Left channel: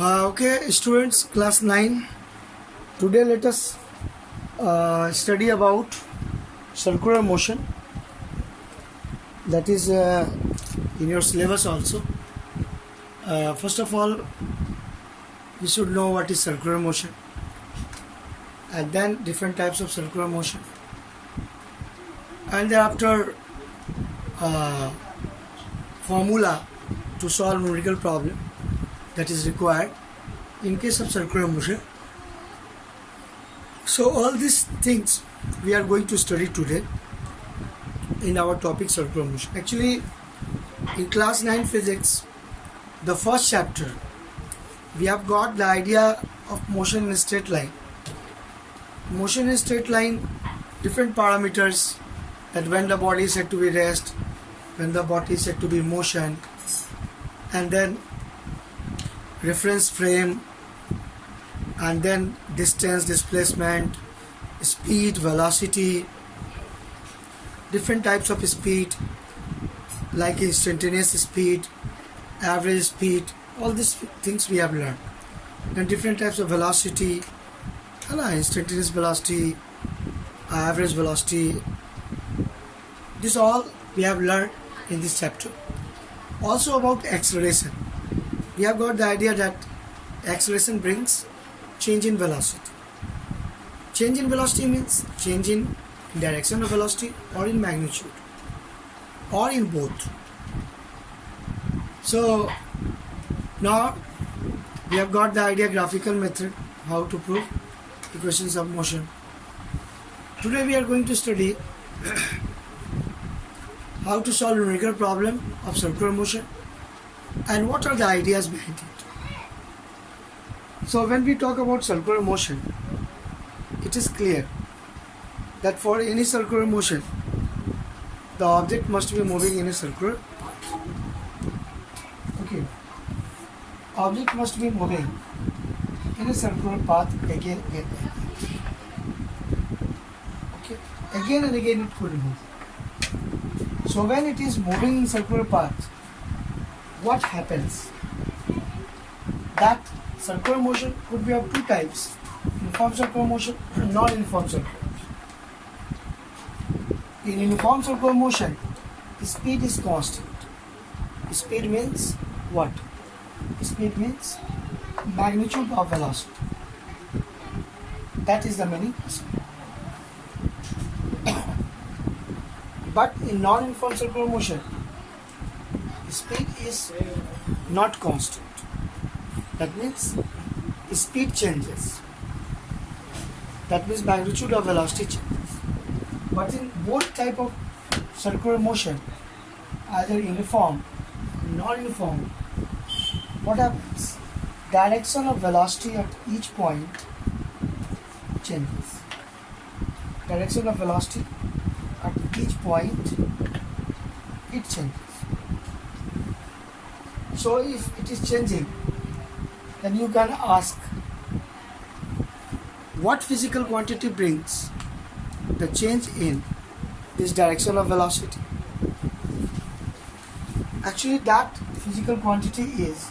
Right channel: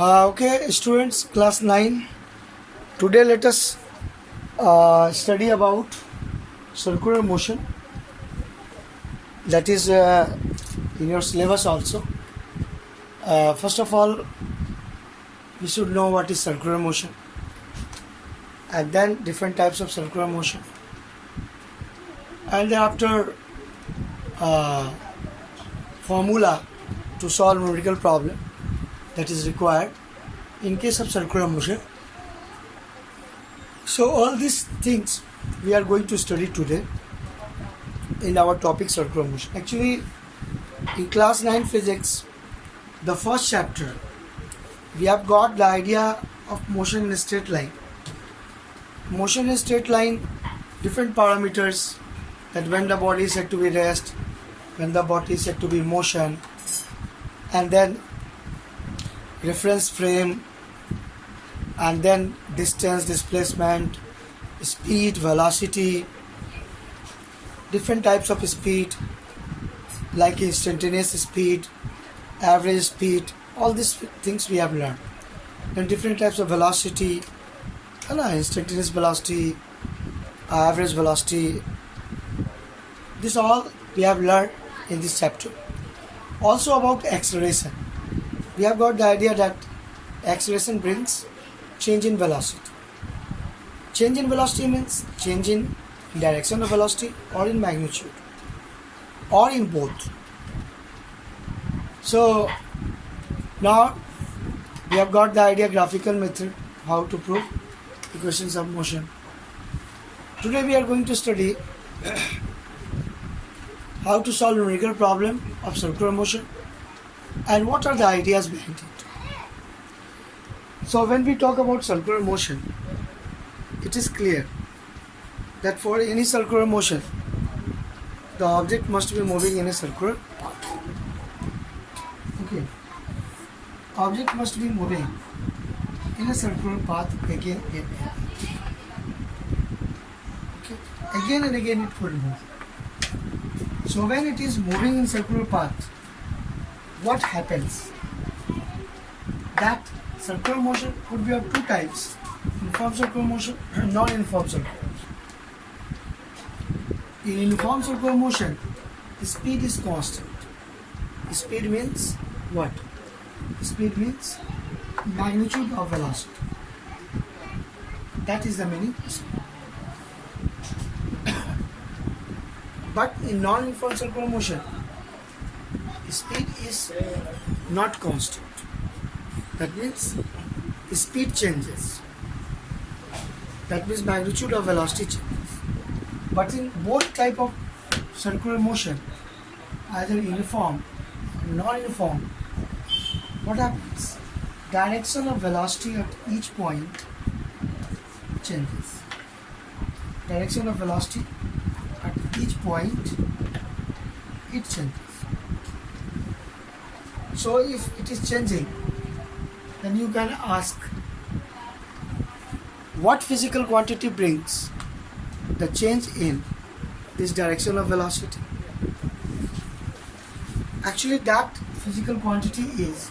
Okay, students, class 9. Today, let us study about circular motion. That is in your syllabus also. First of all, we should know what is circular motion, and then different types of circular motion, and thereafter formula to solve numerical problem that is required in case of circular motion. So all these things we are going to study today in our topic circular motion. Actually, in class 9 physics, the first chapter, we have got the idea of motion in a straight line. Motion in a straight line, different parameters, that when the body is said to be rest, when the body is said to be motion, and then reference frame, and then distance, displacement, speed, velocity, different types of speed like instantaneous speed, average speed, all these things we have learned. Then different types of velocity, instantaneous velocity, average velocity, this all we have learned in this chapter. Also about acceleration, we have got the idea that acceleration brings change in velocity. Change in velocity means change in direction of velocity or in magnitude or in both. So now we have got the idea graphical method how to prove equations of motion. Today we are going to study how to solve numerical problem of circular motion and what are the ideas behind it. So when we talk about circular motion, it is clear that for any circular motion, the object must be moving in a circular path. Okay. Object must be moving in a circular path again and again. Okay. Again and again it could move. So when it is moving in circular path, what happens? That circular motion could be of two types: uniform circular motion and non-uniform circular motion. In uniform circular motion, the speed is constant. Speed means what? Speed means magnitude of velocity. That is the meaning. But in non-uniform circular motion, speed is not constant. That means speed changes. That means magnitude of velocity changes. But in both type of circular motion, either uniform or non-uniform, what happens? Direction of velocity at each point changes. Direction of velocity at each point it changes. So if it is changing, then you can ask, what physical quantity brings the change in this direction of velocity? Actually, that physical quantity is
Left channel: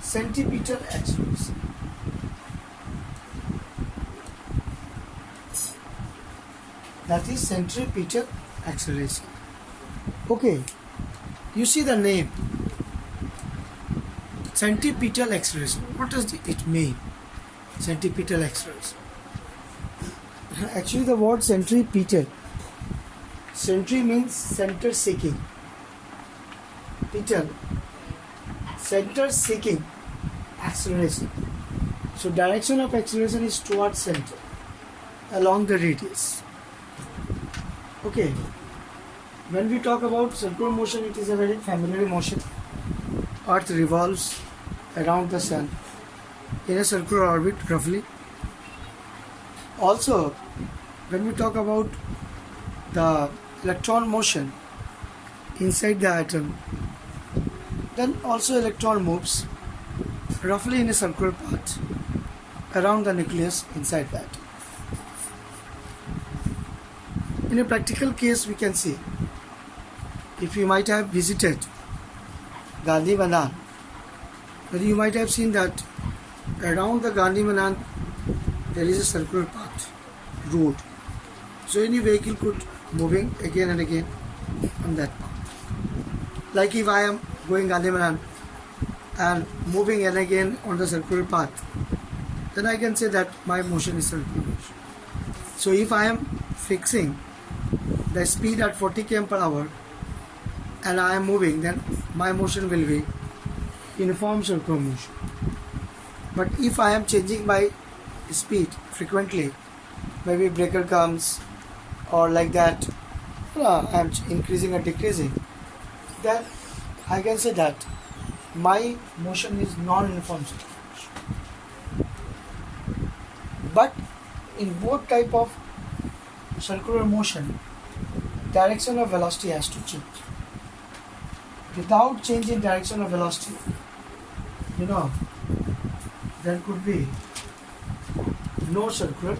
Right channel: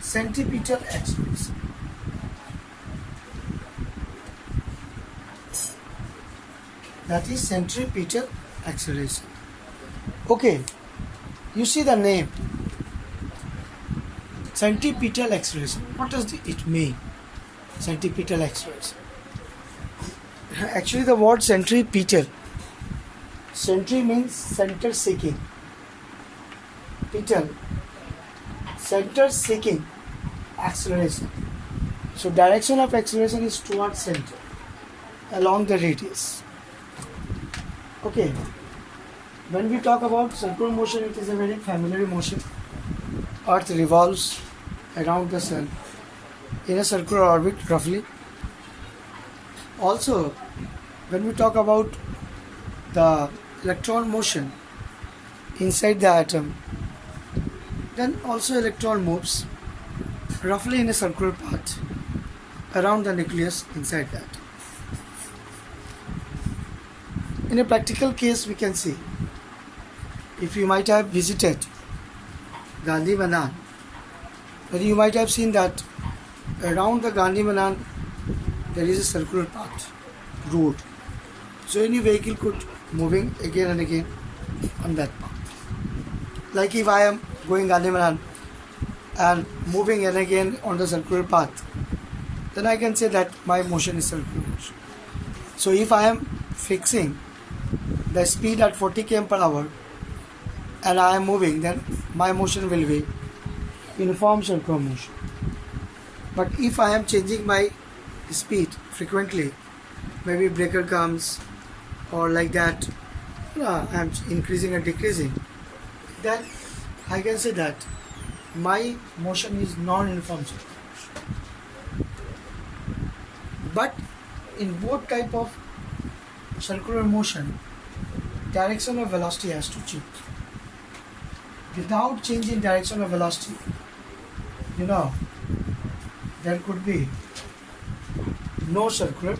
centripetal acceleration. That is centripetal acceleration. Okay, you see the name centripetal acceleration. What does it mean? Centripetal acceleration. Actually, the word centripetal. Centri means center seeking. Petal, center seeking acceleration. So direction of acceleration is towards center along the radius. Okay. When we talk about circular motion, it is a very familiar motion. Earth revolves around the sun in a circular orbit roughly. Also, when we talk about the electron motion inside the atom, then also electron moves roughly in a circular path around the nucleus inside that. In a practical case, we can see, if you might have visited Gandhi Madan But you might have seen that around the Gandhi Madan there is a circular path, road. So any vehicle could moving again and again on that path. Like if I am going Gandhi Madan and moving and again on the circular path, then I can say that my motion is circular motion. So if I am fixing the speed at 40 km per hour and I am moving, then my motion will be uniform circular motion. But if I am changing my speed frequently, maybe breaker comes or like that, I am increasing or decreasing, then I can say that my motion is non-uniform circular motion. But in both type of circular motion, direction of velocity has to change. Without change in direction of velocity, there could be no circular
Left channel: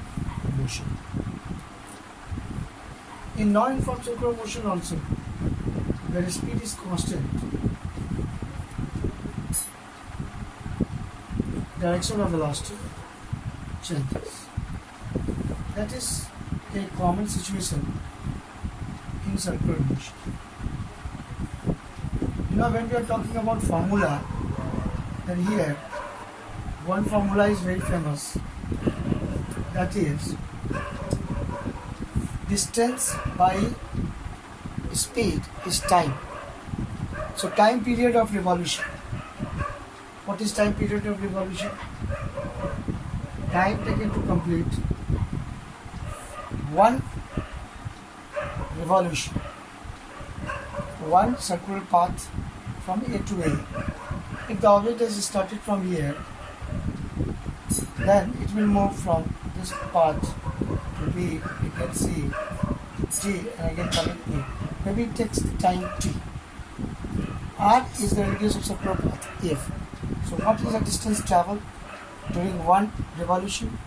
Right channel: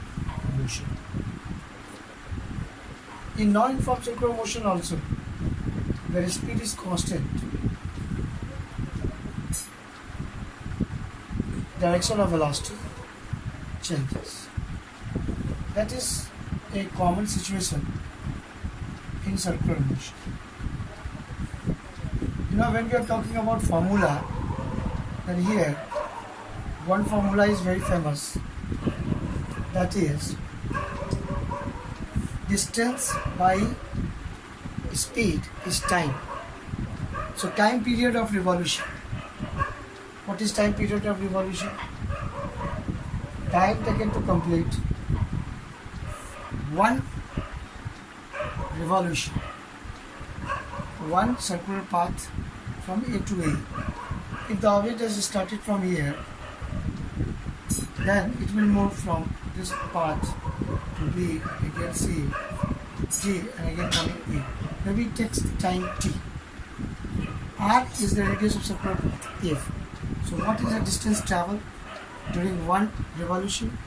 motion. In non-uniform circular motion also, where speed is constant, direction of velocity changes. That is a common situation in circular motion. When we are talking about formula, then here one formula is very famous. That is distance by speed is time. So time period of revolution. What is time period of revolution? Time taken to complete one revolution, one circular path from A to A. If the object has started from here, then it will move from this path to B, again C, G, and again coming A. Maybe it takes time T. R is the radius of circular path F. So what is the distance traveled during one revolution?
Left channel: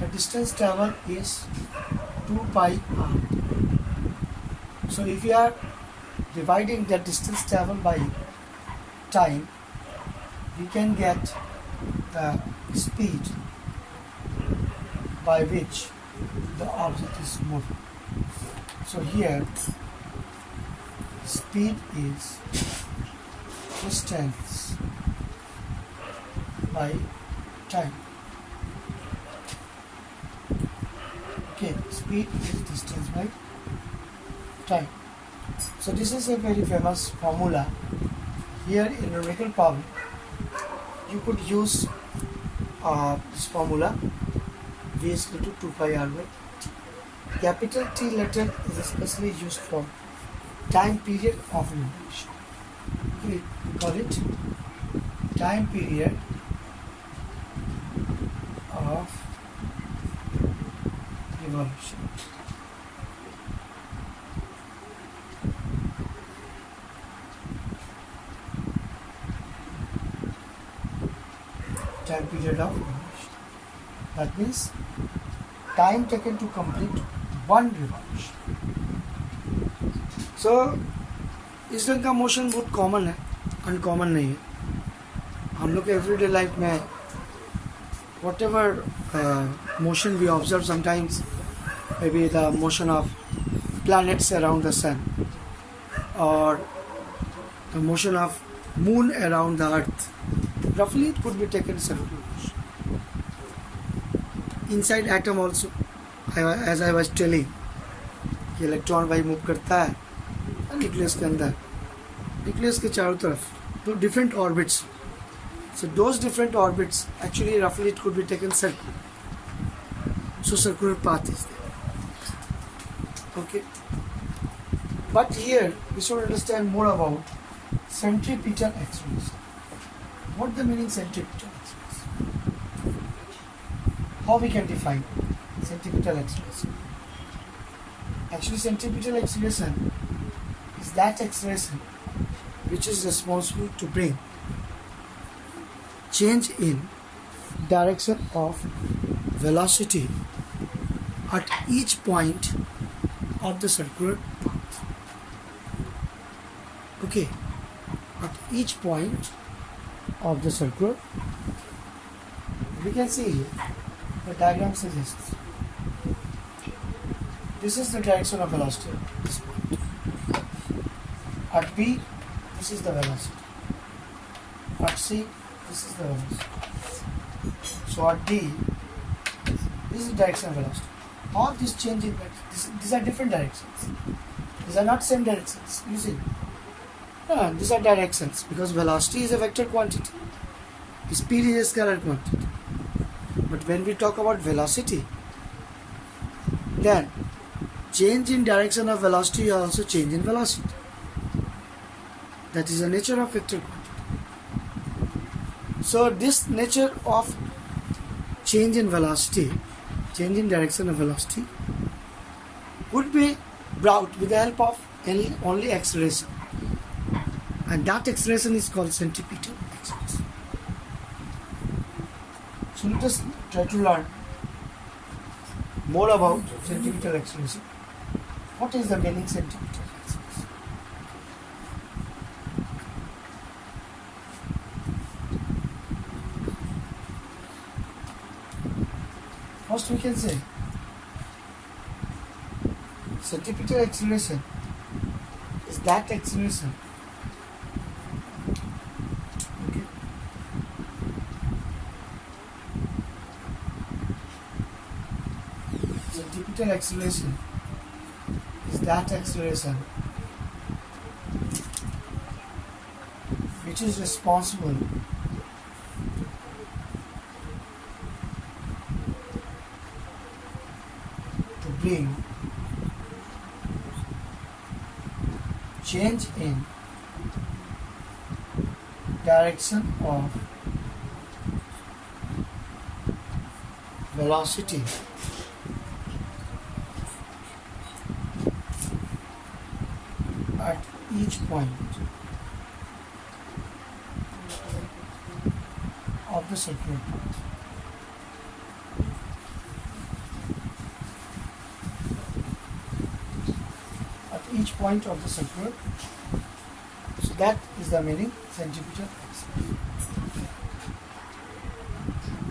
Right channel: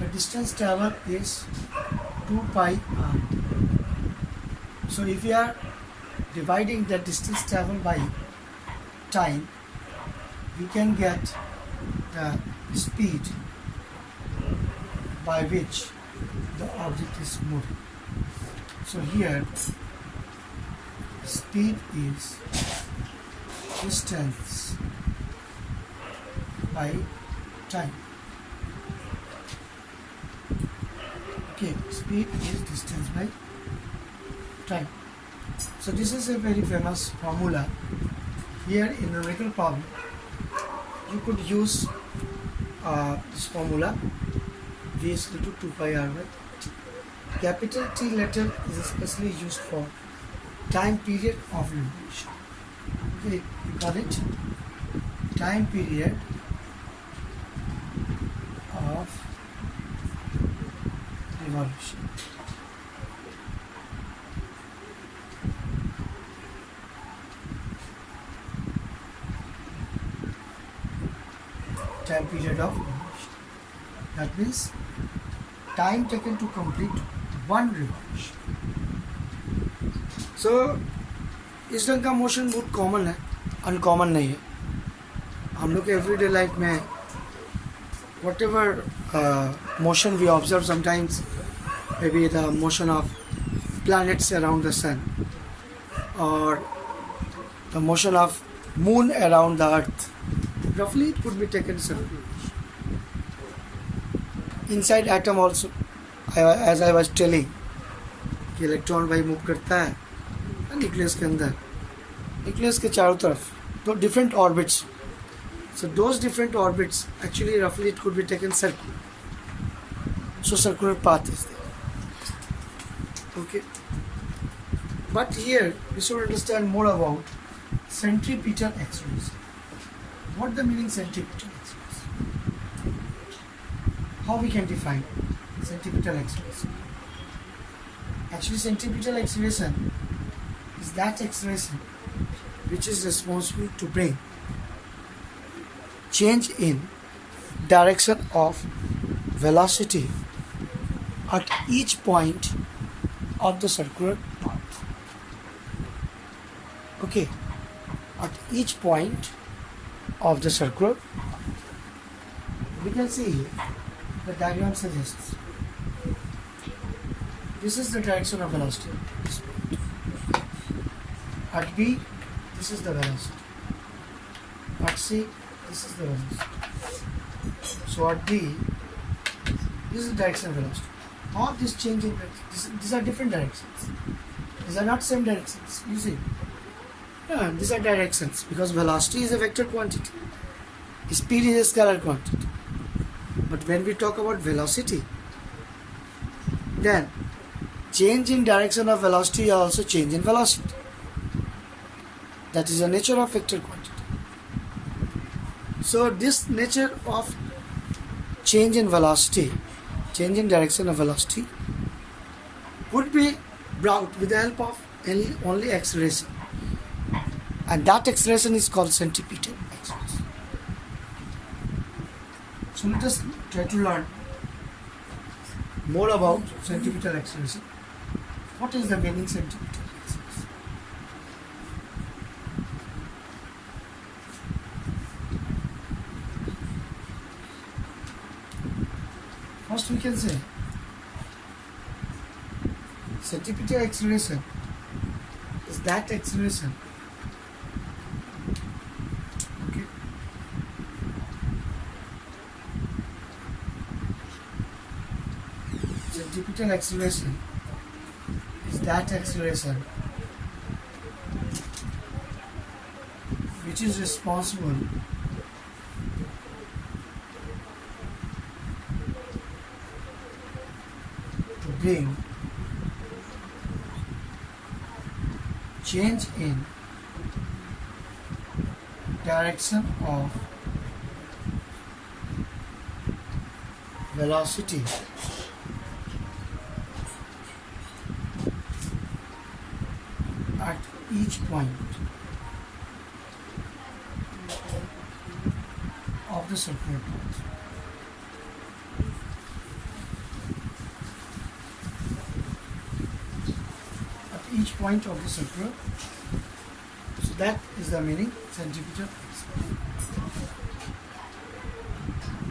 The distance traveled is 2 pi r. So if we are dividing the distance traveled by time, we can get the speed by which the object is moving. So here speed is distance by time. Okay, speed is distance by time. So this is a very famous formula. Here in numerical power, you could use this formula, V is equal to 2 pi r by t. Capital T letter is especially used for time period of revolution. Okay, we call it time period of revolution. Time period of revolution. That means time taken to complete one revolution. So इस ढंग का motion बहुत common है, uncommon नहीं है. हम लोग के एवरीडे लाइफ में whatever motion we observe sometimes, maybe the motion of planets around the sun or the motion of moon around the earth, roughly it could be taken circular. Inside atom also, as I was telling, कि electron भाई move करता है nucleus के अंदर, nucleus के चारों तरफ तो different orbits. So those different orbits, actually roughly it could be taken circular. So circular path is there. Okay. But here we should understand more about centripetal acceleration. What the meaning centripetal acceleration? How we can define centripetal acceleration? Actually, centripetal acceleration is that acceleration which is responsible to bring change in direction of velocity at each point of the circular path. Okay, at each point of the circle. We can see the diagram suggests this is the direction of velocity. At B, this is the velocity. At C, this is the velocity. So at D, this is the direction of velocity. All these changing directions, these are different directions. These are not same directions. You see, these are directions because velocity is a vector quantity. Speed is a scalar quantity. But when we talk about velocity, then change in direction of velocity or also change in velocity. That is the nature of vector quantity. So this nature of change in velocity, change in direction of velocity, could be brought with the help of only acceleration. And that acceleration is called centripetal acceleration. So let us try to learn more about centripetal acceleration. What is the meaning centripetal acceleration? First we can say centripetal acceleration is that acceleration centripetal acceleration is that acceleration which is responsible to bring change in direction of velocity at each point of the circular path. At each point of the circular, so that is the meaning centripetal acceleration.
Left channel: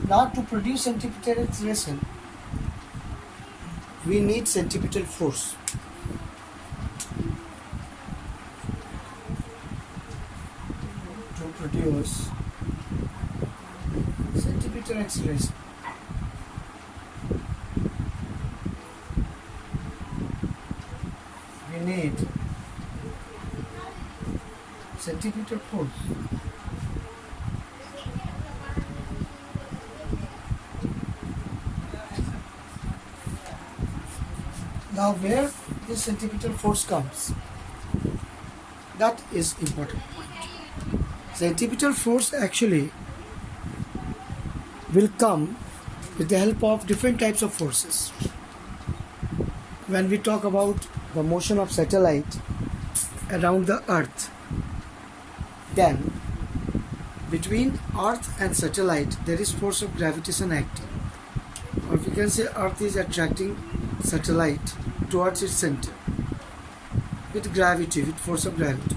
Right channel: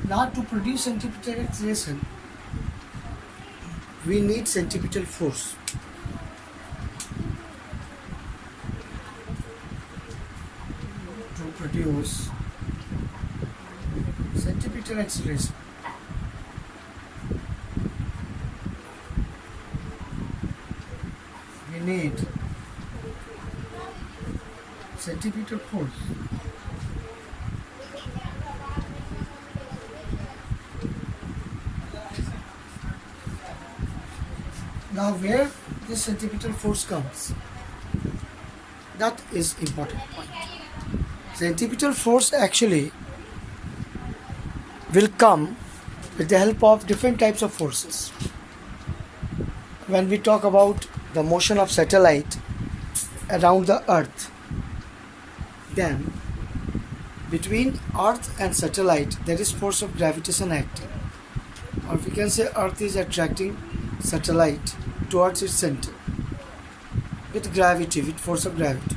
Now to produce centripetal acceleration, we need centripetal force. To produce centripetal acceleration, we need centripetal force. Now where this centripetal force comes, that is important point. Centripetal force actually will come with the help of different types of forces. When we talk about the motion of satellite around the earth, then between earth and satellite there is force of gravitation acting, or we can say earth is attracting satellite towards its center with gravity, with force of gravity,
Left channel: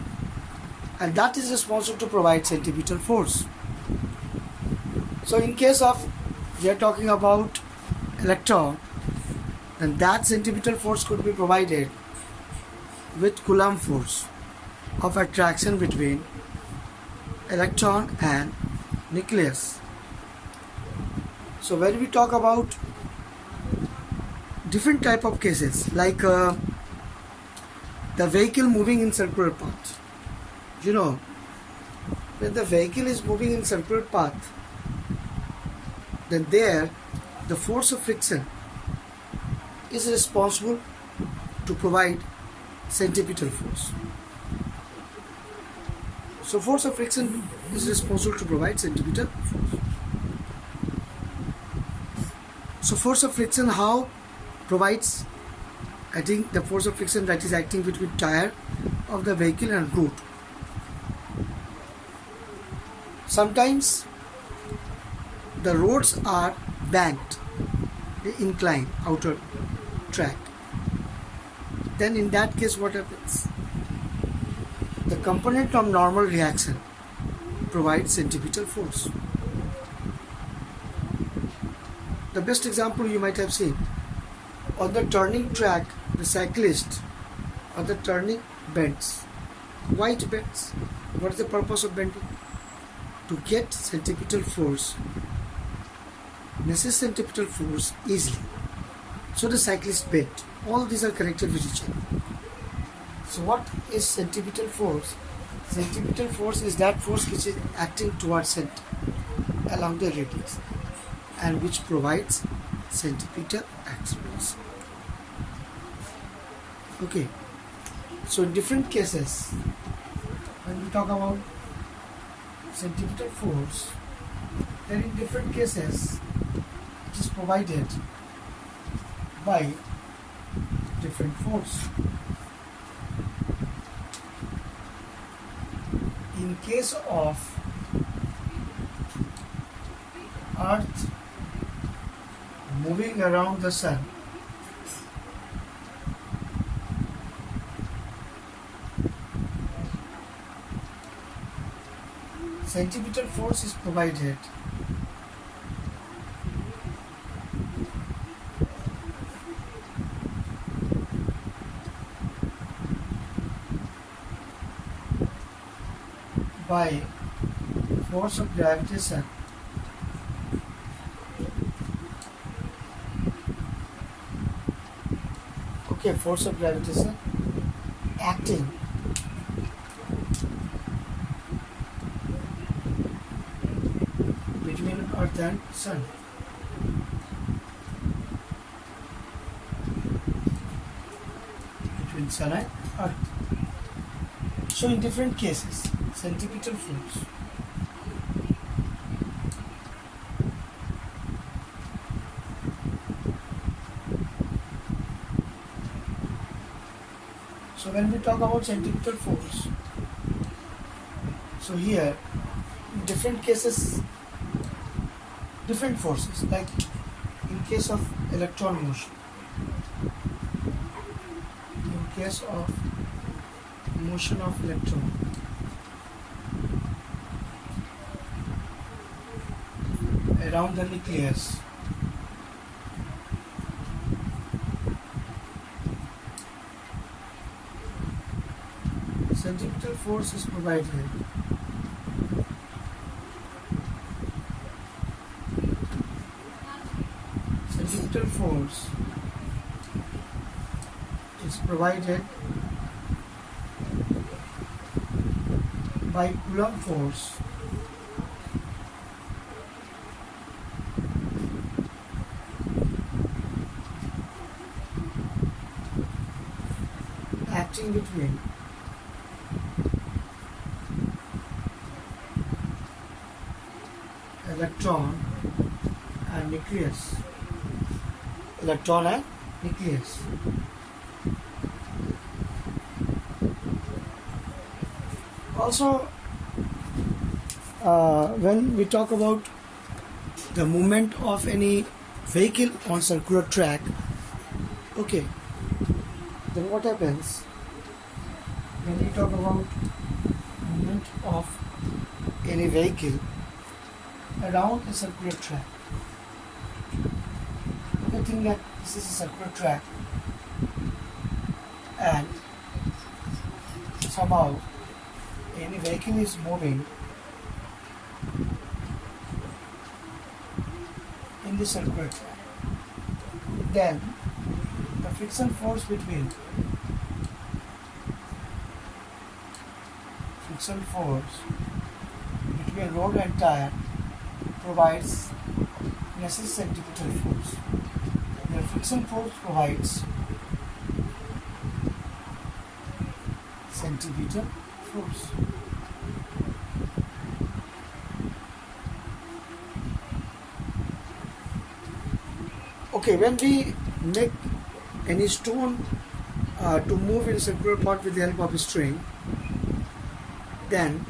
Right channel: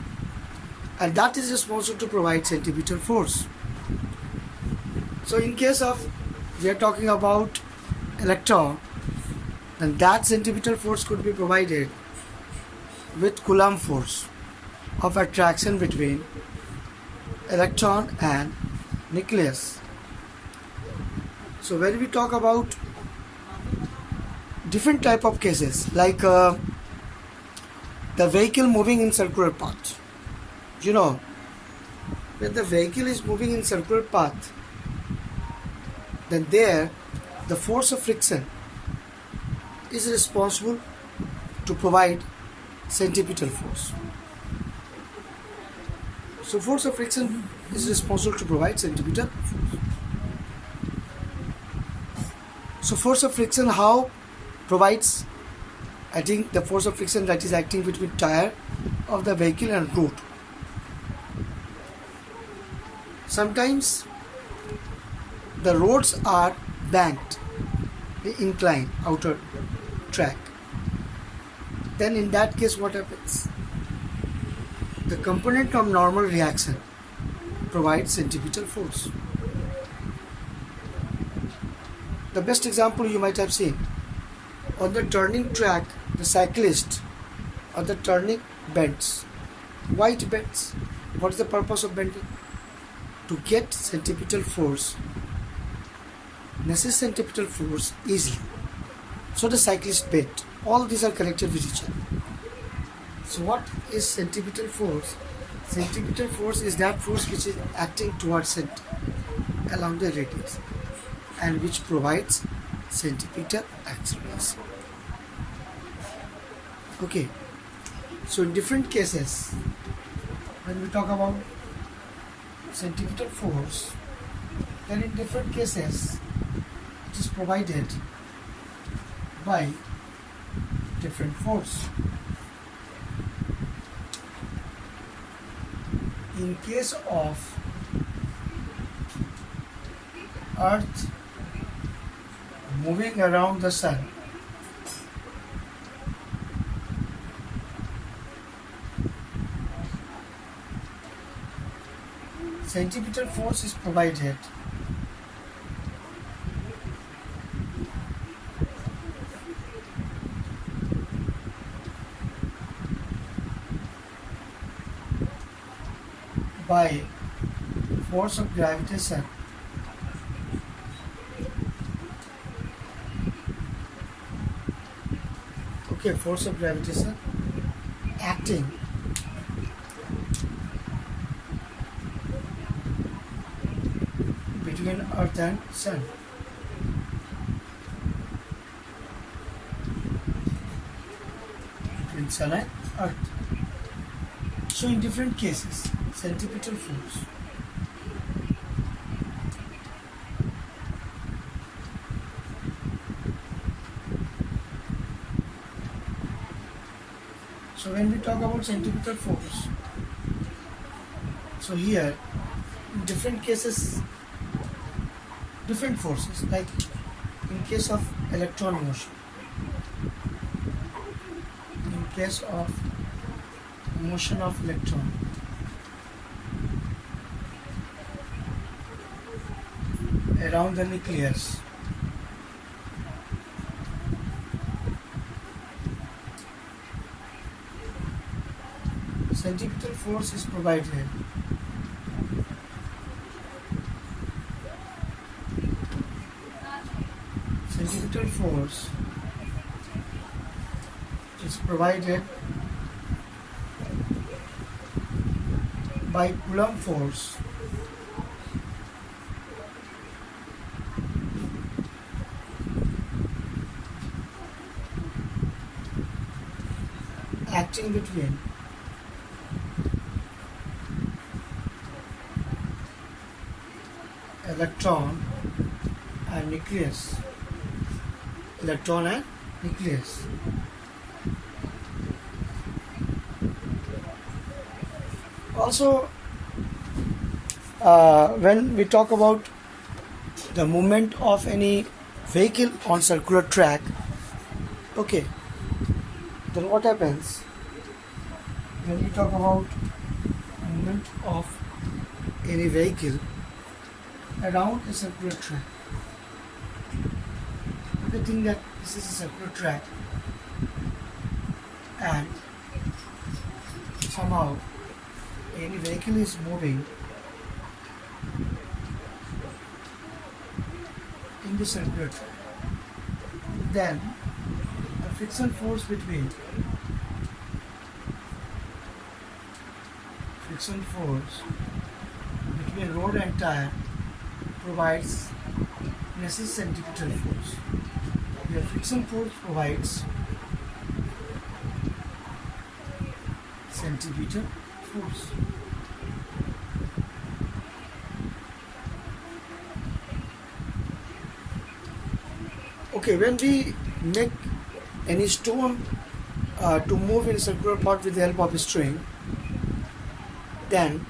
and that is responsible to provide centripetal force. So in case of we are talking about electron, then that centripetal force could be provided with Coulomb force of attraction between electron and nucleus. So when we talk about different type of cases, like the vehicle moving in circular path, you know, when the vehicle is moving in circular path, then there the force of friction is responsible to provide centripetal force. So force of friction is responsible to provide centripetal force. So force of friction how provides, I think the force of friction that is acting between tire of the vehicle and road. Sometimes the roads are banked, they incline outer track. Then in that case what happens? The component of normal reaction provides centripetal force. The best example you might have seen, on the turning track, the cyclist on the turning bends. Why it bends? What is the purpose of bending? To get centripetal force, necessary centripetal force easily. So the cyclist bent. All these are connected with each other. So what is centripetal force? Centripetal force is that force which is acting towards center along the radius and which provides centripetal acceleration. Okay, so in different cases, when we talk about centripetal force, then in different cases it is provided by different force. In case of Earth moving around the Sun, centripetal force is provided by force of gravitation force of gravitation acting between Earth and Sun. Between Sun and Earth. So in different cases, centripetal force So when we talk about centripetal force, so here in different cases, different forces, like in case of electron motion, in case of motion of electron, around the nucleus, centripetal force is provided centripetal force is provided by Coulomb force acting between electron and nucleus. Electron and nucleus. Also, when we talk about the movement of any vehicle on circular track, okay, then what happens when we talk about movement of any vehicle around a circular track? We think that this is a circular track and somehow any vehicle is moving in the circular track. Then the friction force between road and tire provides necessary centripetal force. The friction force provides centripetal force. Okay, when we make any stone to move in a circular path with the help of a string, then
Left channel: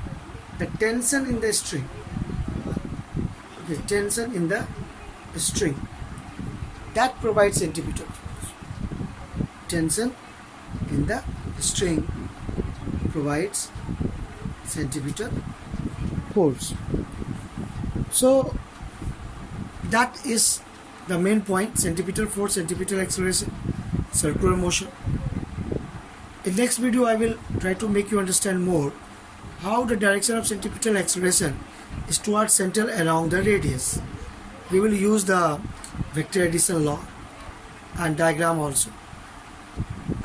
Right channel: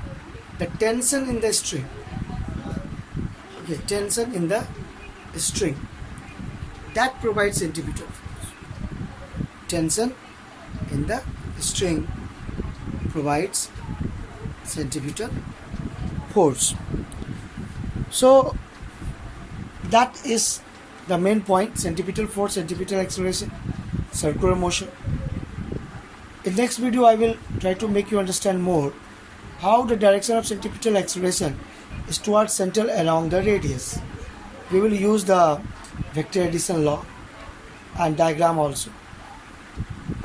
the tension in the string, tension in the string, that provides centripetal force. Tension in the string provides centripetal force. So that is the main point: centripetal force, centripetal acceleration, circular motion. In next video I will try to make you understand more how the direction of centripetal acceleration is towards center along the radius. We will use the vector addition law and diagram also.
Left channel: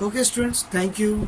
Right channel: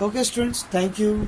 Okay students, thank you.